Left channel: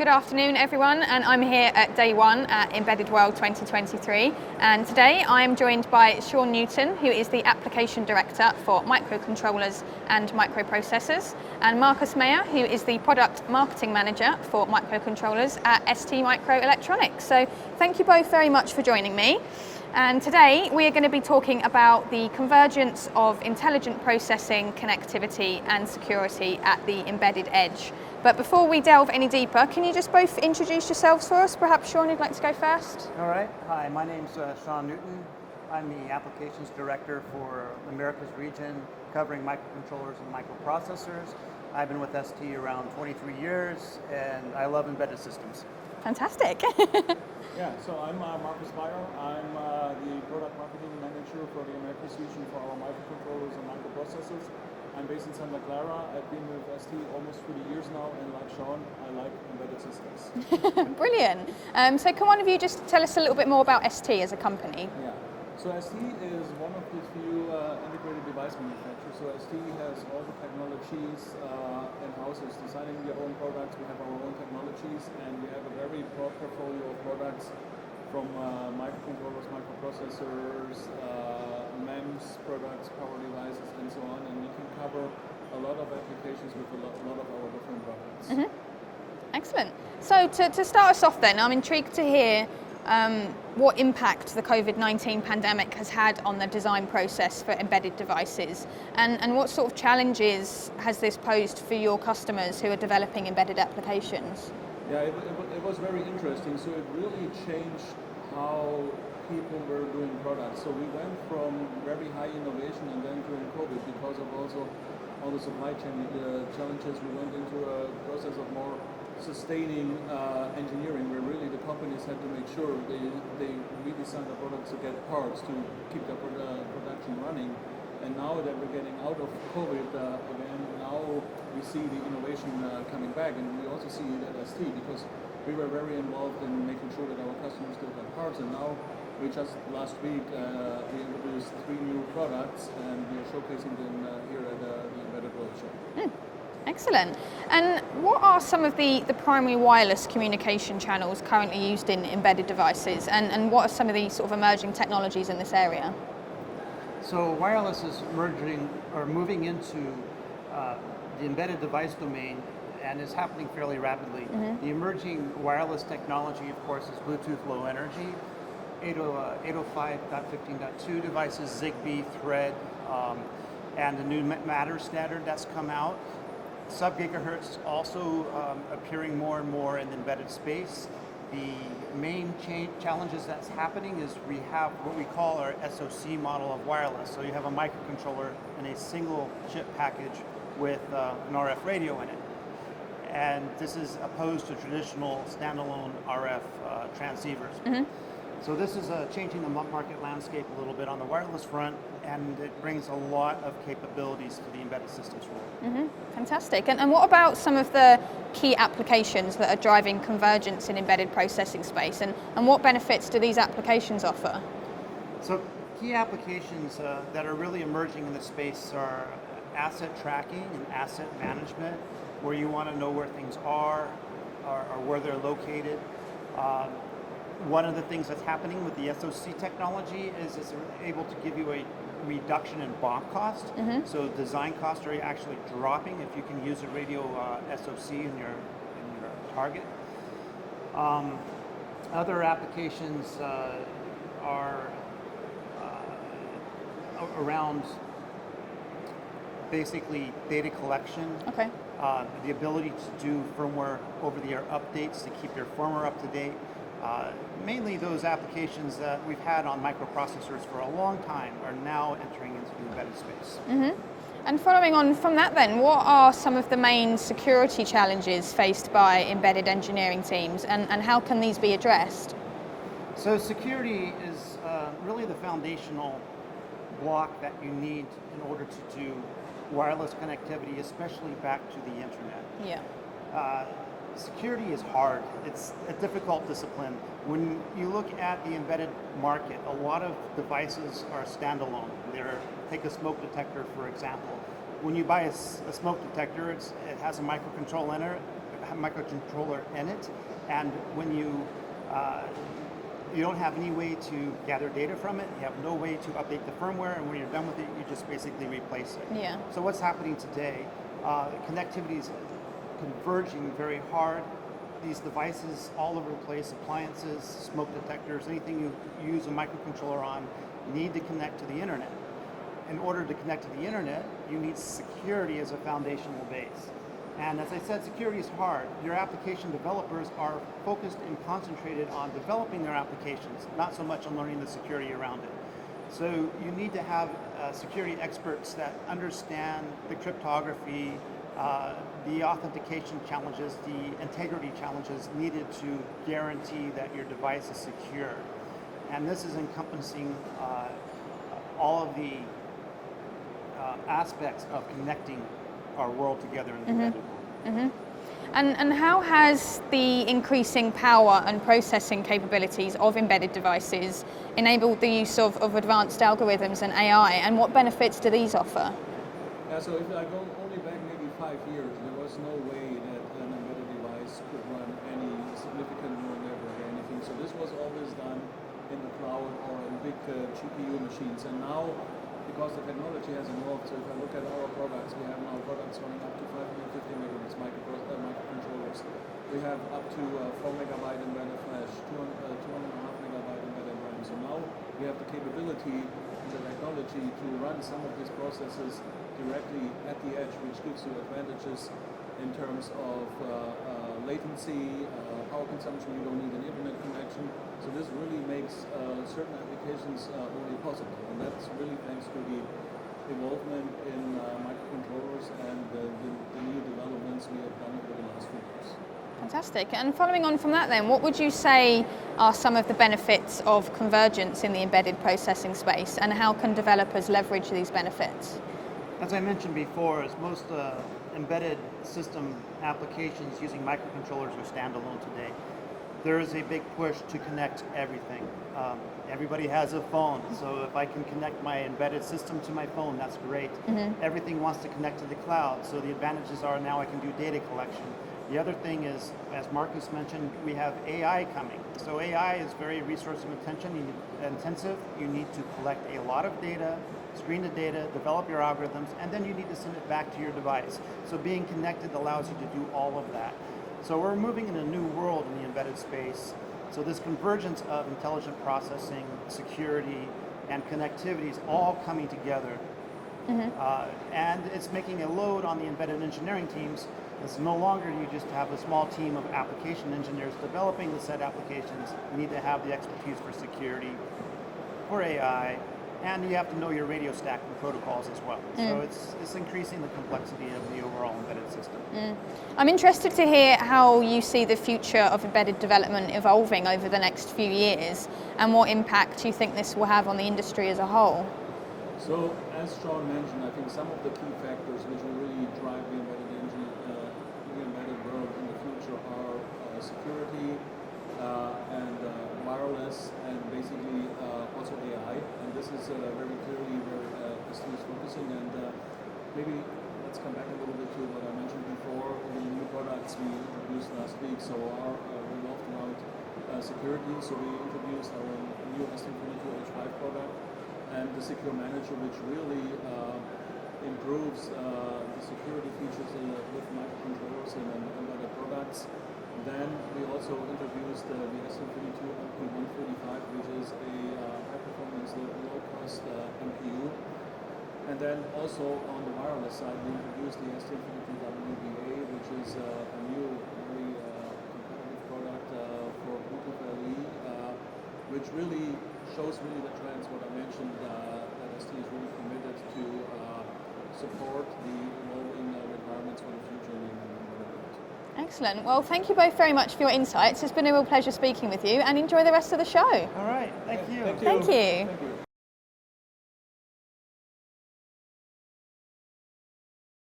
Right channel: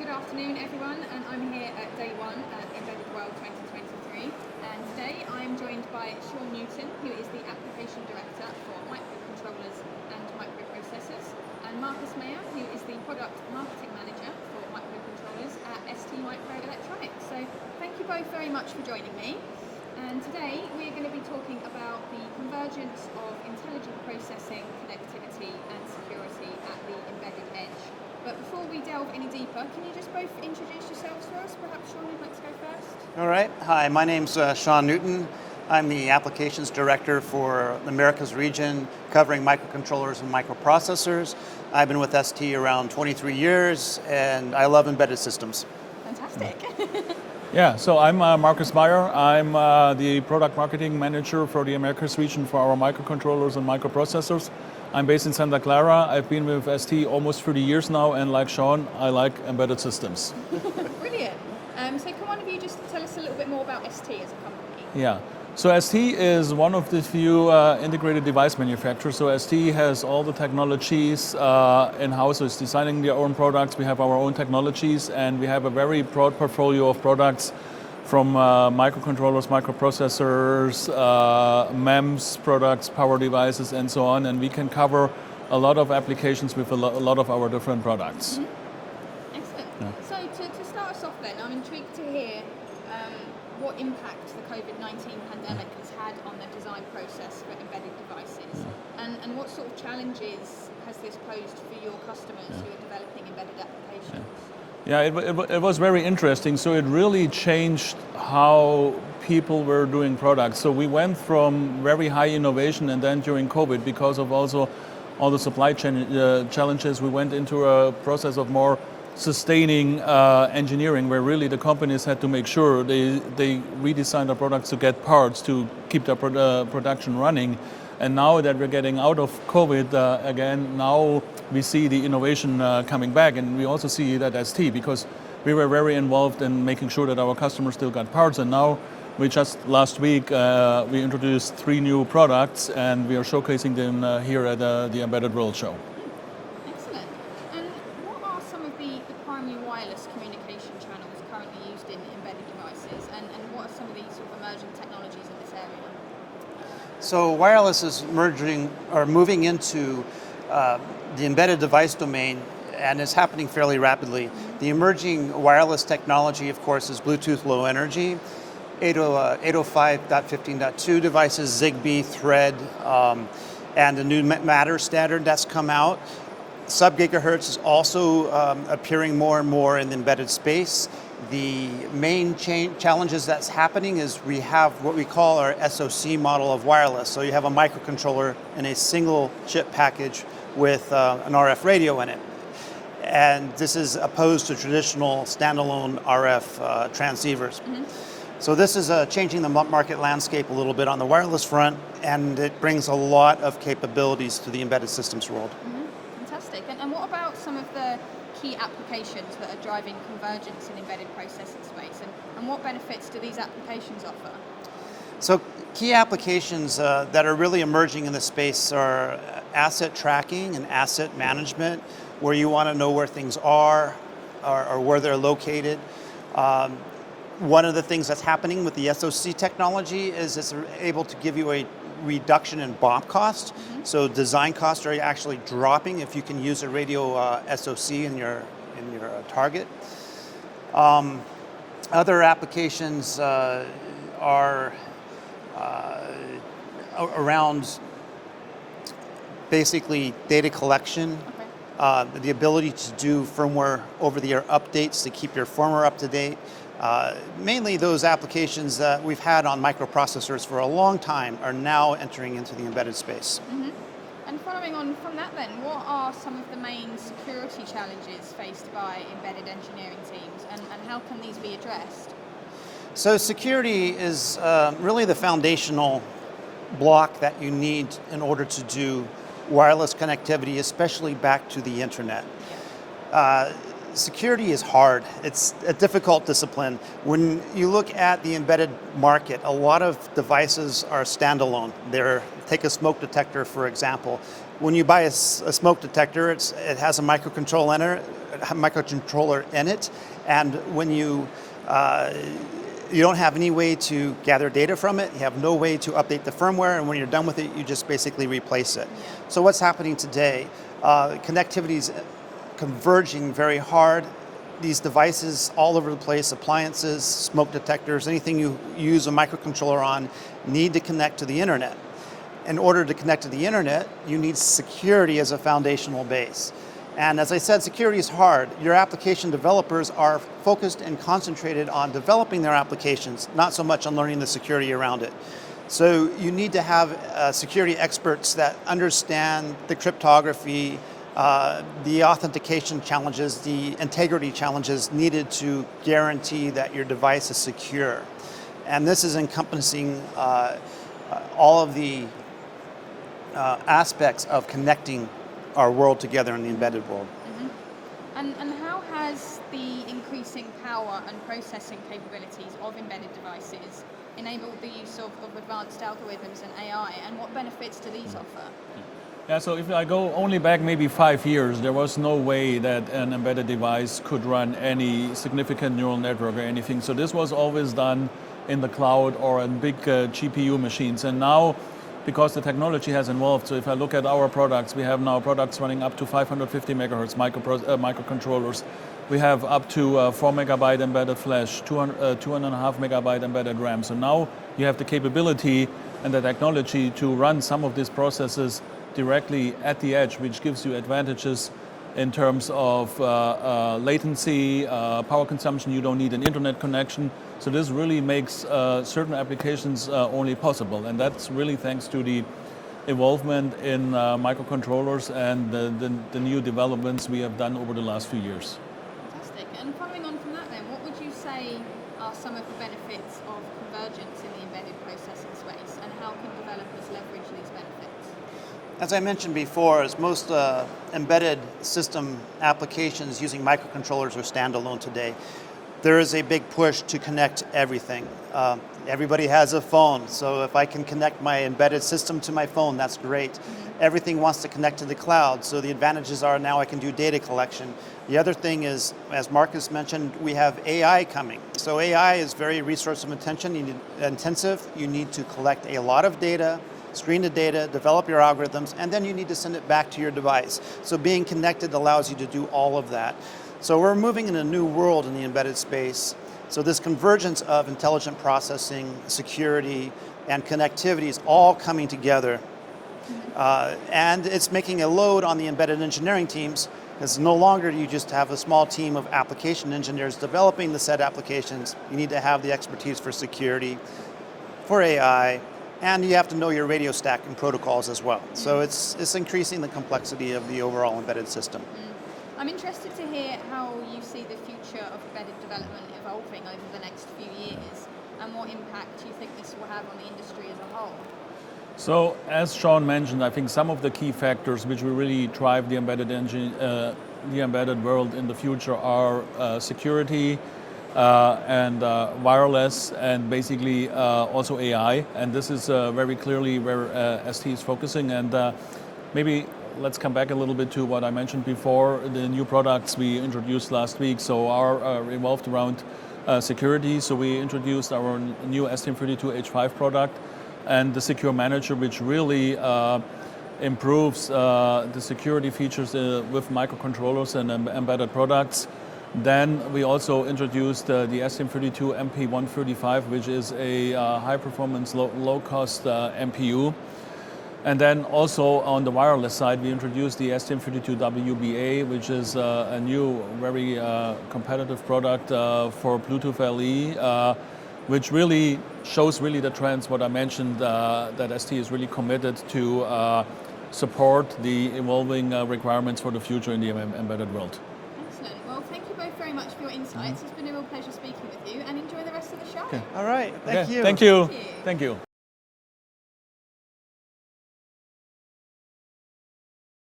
Good afternoon everyone, and I'm here at day one at Embedded World 2023, and today I am joined by Sean Newton, who is the Application Director for Microcontrollers and Microprocessors, and Markus Mayr, who is the Product Marketing Manager for Microcontrollers at STMicroelectronics. So thank you both very much for joining me. And today we are going to be talking about the convergence of intelligent processing, connectivity and security at the embedded edge. But before we delve any deeper, can you just both introduce yourselves for us? Perhaps Sean, you'd like to go first? All right. Hi, my name's Sean Newton. I'm the Applications Director for the Americas region, covering microcontrollers and microprocessors. I've been with ST around 23 years, and I love embedded systems. Fantastic. Yeah, so I'm Markus Mayr. I'm the Product Marketing Manager for the Americas region for our microcontrollers and microprocessors. I'm based in Santa Clara. I've been with ST almost 30 years now, and like Sean, I like embedded systems. Brilliant. So can one of you just tell us a little bit more about ST as a company? Yeah, so ST is one of the few integrated device manufacturers. So ST has all the technologies in-house, so it's designing their own products. We have our own technologies, and we have a very broad portfolio of products from microcontrollers, microprocessors, MEMS products, power devices, and so on. And we can cover a lot of applications with a lot of our different products. Mm-hmm. Excellent. Yeah. So to start us off then, I'm intrigued to hear what impact the COVID-19 pandemic has had on the design process for embedded devices, and what sort of challenges has this posed for your customers who are developing embedded applications? Yeah, it was very interesting. So it really changed how people were doing products. So we went from very high innovation, and then during COVID, because of also all the supply chain challenges, we went into a process of more sustaining engineering, where really the companies had to make sure they redesigned their products to get parts to keep their production running. And now that we're getting out of COVID again, now we see the innovation coming back, and we also see that as ST, because we were very involved in making sure that our customers still got parts, and now we just last week we introduced 3 new products, and we are showcasing them here at the Embedded World Show. Excellent. And what are some of the primary wireless communication channels currently used in embedded devices, and what are some of the sort of emerging technologies in this area? So wireless is moving into the embedded device domain, and it's happening fairly rapidly. Mm-hmm. The emerging wireless technology, of course, is Bluetooth Low Energy, 805.15.2 devices, Zigbee, Thread, and the new Matter standard that's come out. Sub-gigahertz is also appearing more and more in the embedded space. The main challenges that's happening is we have what we call our SoC model of wireless. So you have a microcontroller in a single chip package with an RF radio in it. And this is opposed to traditional standalone RF transceivers. Mm-hmm. So this is changing the market landscape a little bit on the wireless front, and it brings a lot of capabilities to the embedded systems world. Mm-hmm. Fantastic. And what about some of the key applications that are driving convergence in embedded processing space, and what benefits do these applications offer? So key applications that are really emerging in this space are asset tracking and asset management, where you want to know where things are or where they're located. One of the things that's happening with the SoC technology is it's able to give you a reduction in BOM cost. Mm-hmm. So design costs are actually dropping if you can use a radio SoC in your target. Other applications are around basically data collection. Okay. The ability to do firmware over-the-air updates to keep your firmware up to date. Mainly those applications that we've had on microprocessors for a long time are now entering into the embedded space. Mm-hmm. And following on from that then, what are some of the main security challenges faced by embedded engineering teams, and how can these be addressed? So security is really the foundational block that you need in order to do wireless connectivity, especially back to the internet. Yeah. security is hard. It's a difficult discipline. When you look at the embedded market, a lot of devices are standalone. Take a smoke detector, for example. When you buy a smoke detector, it has a microcontroller in it, and when you don't have any way to gather data from it, you have no way to update the firmware, and when you're done with it, you just basically replace it. Yeah. So what's happening today? Connectivity is converging very hard. These devices all over the place, appliances, smoke detectors, anything you use a microcontroller on, need to connect to the internet. In order to connect to the internet, you need security as a foundational base. And as I said, security is hard. Your application developers are focused and concentrated on developing their applications, not so much on learning the security around it. So you need to have security experts that understand the cryptography, the authentication challenges, the integrity challenges needed to guarantee that your device is secure. And this is encompassing all of the aspects of connecting our world together in the embedded world. And how has the increasing power and processing capabilities of embedded devices enabled the use of advanced algorithms and AI, and what benefits do these offer? Yeah, so if I go only back maybe 5 years, there was no way that an embedded device could run any significant neural network or anything. So this was always done in the cloud or in big GPU machines. And now, because the technology has evolved, so if I look at our products, we have now products running up to 550 megahertz microcontrollers. We have up to 4 megabyte embedded flash, 2.5 megabyte embedded RAM. So now you have the capability and the technology to run some of these processes directly at the edge, which gives you advantages in terms of latency, power consumption. You don't need an internet connection. So this really makes certain applications only possible. And that's really thanks to the involvement in microcontrollers and the new developments we have done over the last few years. Fantastic. And following on from that then, what would you say are some of the benefits of convergence in the embedded processing space, and how can developers leverage these benefits? As I mentioned before, as most embedded system applications using microcontrollers are standalone today, there is a big push to connect everything. Everybody has a phone, so if I can connect my embedded system to my phone, that's great. Everything wants to connect to the cloud, so the advantages are now I can do data collection. The other thing is, as Markus mentioned, we have AI coming. So AI is very resource intensive. You need to collect a lot of data, screen the data, develop your algorithms, and then you need to send it back to your device. So being connected allows you to do all of that. So we're moving in a new world in the embedded space. So this convergence of intelligent processing, security, and connectivity is all coming together. And it's making a load on the embedded engineering teams, because no longer do you just have a small team of application engineers developing the said applications. You need to have the expertise for security, for AI, and you have to know your radio stack and protocols as well. So it's increasing the complexity of the overall embedded system. I'm interested to hear how you see the future of embedded development evolving over the next few years, and what impact you think this will have on the industry as a whole. So, as Sean mentioned, I think some of the key factors which will really drive the embedded world in the future are security and wireless, and basically also AI. And this is very clearly where ST is focusing. And maybe let's come back a little bit to what I mentioned before, the new products we introduced last week. So are revolved around security. So we introduced our new STM32H5 product and the Secure Manager, which really improves the security features with microcontrollers and embedded products. Then we also introduced the STM32MP135, which is a high-performance, low-cost MPU. And then also on the wireless side, we introduced the STM32WBA, which is a new, very competitive product for Bluetooth LE, which really shows the trends, what I mentioned, that ST is really committed to support the evolving requirements for the future in the embedded world. Excellent. Well, thank you both very much for your insights. It's been a real pleasure speaking with you, and enjoy the rest of the show. All right. Thank you. Thank you. Thank you. Thank you.